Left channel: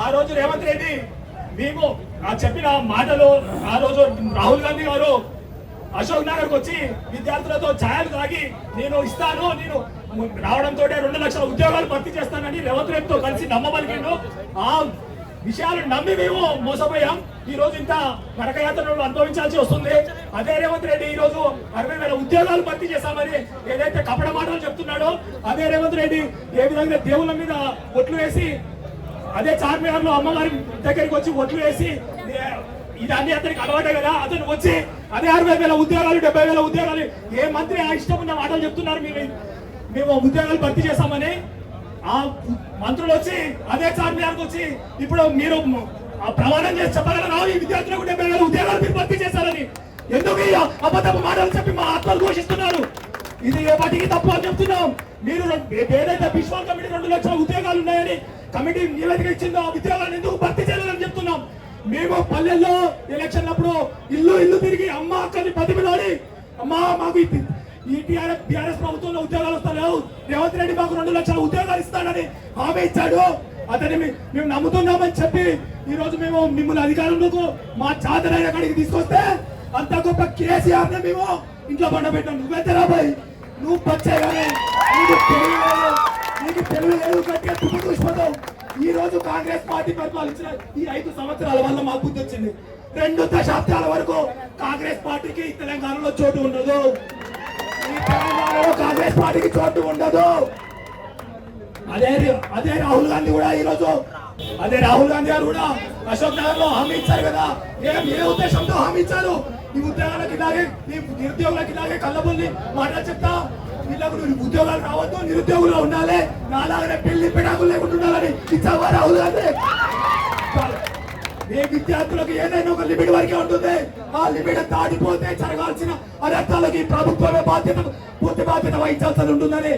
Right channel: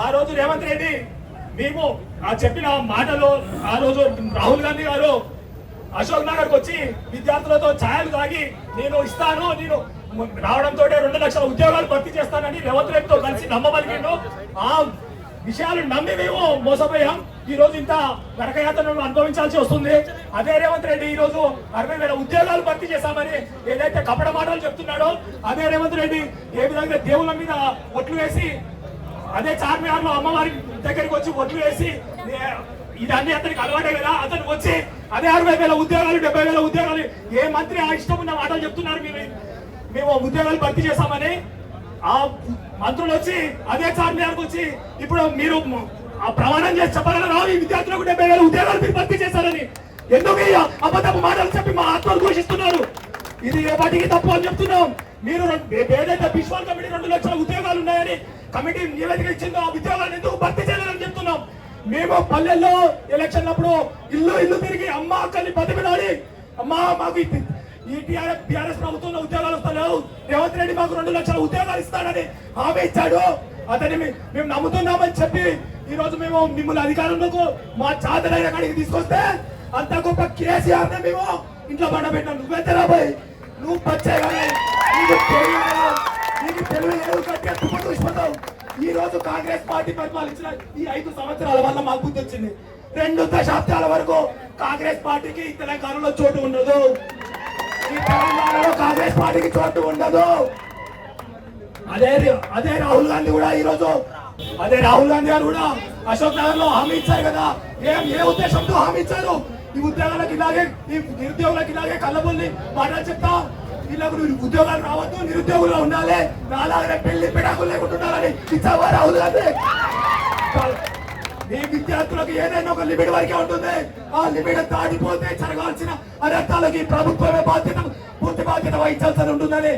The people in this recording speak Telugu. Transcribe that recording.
ఆ రోజు రేవంత్ రెడ్డి మేము చెప్పిన మాటలు ఆ రోజు రాహుల్ గాంధీ గారు అశోక్ నగర్ వచ్చి విద్యార్థులతో ఛాయలు తాగి నేను ఇస్తాను, నేను రావడంతో 2 లక్షల ఉద్యోగాలు భర్తీ చేస్తానని రేవంత్ రెడ్డితో కలిసి నమ్మబలికిండు. ఆ విషయాలు నమ్మి మేము మోసపోయాం. ఈ రోజు ఇంత నరకయాతనను అనుభవించాల్సి వస్తుంది. అదే రేవంత్ రెడ్డి ఈ రోజు 60,000 ఉద్యోగాలు భర్తీ చేశామని ఏదైతే కపట మాటలు చెప్తున్నాడో, అదే రేవంత్ రెడ్డి ఏ విధంగా దేవుళ్ళ మీద ఒట్లు వేసి, అదే చార్మినార్ లో అమ్మవారి దగ్గరికి వచ్చి ఒట్లు వేసి, ఇదన్నీ అతనికి అలవాటే కదా, అతను వచ్చి అదే 60,000 ఉద్యోగాలు 70,000 ఉద్యోగాలు ఏ మంత్రి ఆ ఇష్టం ఉన్న మాటలు చెప్తున్నారు. మేము ఉద్యోగాలు భర్తీ చేస్తామని ఆ మంత్రులు వచ్చి అదే చార్మినార్కి వచ్చి ఇప్పుడు మీరు ప్రమాణం చేసి చెప్పగలరా ఈ విద్యార్థులకు 70,000 ఉద్యోగాలు మీరు భర్తీ చేశారని? ఎందుకు ఈ అబద్ధపు మాటలు చెప్పి మా ఆత్మను ఘోషిస్తున్నారు? ఇది ఏ పార్టీకి తప్పు అని చెప్తున్నాం. మీరు ఏదైతే బిశ్వాల్ కమిటీ 2 లక్షల ఉద్యోగాలు ఉన్నాయని కమిటీ నివేదిక ఇచ్చిందో ఆ ఉద్యోగాలు ఎందుకు భర్తీ చేయాలని చెప్తున్నాం. మేము పల్లెల్లో ఎలక్షన్ అప్పుడు ఇల్లు తిరిగి అమ్మ అక్కని బతిమిలాడి, అమ్మా మాకు ఈ టీఆర్ఎస్ ప్రభుత్వంలో ఉద్యోగాలు వస్తున్నావు, రేవంత్ రెడ్డి మాకు 2 లక్షల ఉద్యోగాలు ఇస్తానని హామీ ఇచ్చాడు, అతని మేము నమ్ముతున్నామని చెప్పి ఈ రోజు మేము మిమ్మల్ని అధికారంలోకి మా చాదరైన కాడికి తీసుకొస్తే అంత గొప్ప కేసీఆర్ ని మేము ఇంట్లో పండబెట్టాం. నువ్వైతే రాబోయ్, నువ్వు పచ్చేగానే నీకు తెలివి లేదు కట్టే తుమ్మ చూసిపోతావు. ఈ రోజు కాంగ్రెస్ పార్టీ పరిపాలించిన ఈ 5 సంవత్సరాల వల్ల మాకు బుద్ధి వచ్చింది. 2 దశాబ్దాల వరకు కాంగ్రెస్ పార్టీకి తెలంగాణలో చోటు ఉండదు. ఈ తెలంగాణలో కాంగ్రెస్ పార్టీకి చోటు ఉండదు. అదే రాహుల్ గాంధీ కూడా ఈ రోజు రాహుల్ గాంధీ గారు కూడా అశోక్ నగర్ లో హామీ ఇచ్చారు కదా. ఏ ఉద్దేశంతో హామీ ఇచ్చారు? ఈ ఉద్యోగాలకు ఇలాగే, ఈ నిరుద్యోగులకు ఇలాగే కళ్ళబుల్లి మాటలు చెప్తా, వీళ్ళకు ఉద్యోగాలు రావద్దు, నిరుద్యోగులు ఉండాలి, నాలాగే పెళ్లి పిడాకులు లేకుండా ఉండాలని ఇచ్చావా రాహుల్ గాంధీ? ఏ విద్యార్థులకు ఏదైనా ఒక లిమిట్ వరకే ఉంటుంది. ఆ లిమిట్ దాటిపోతే జరగాల్సిన అనర్థాలకి ప్రభుత్వమే పూర్తి బాధ్యత వహించాల్సి ఉంటుందని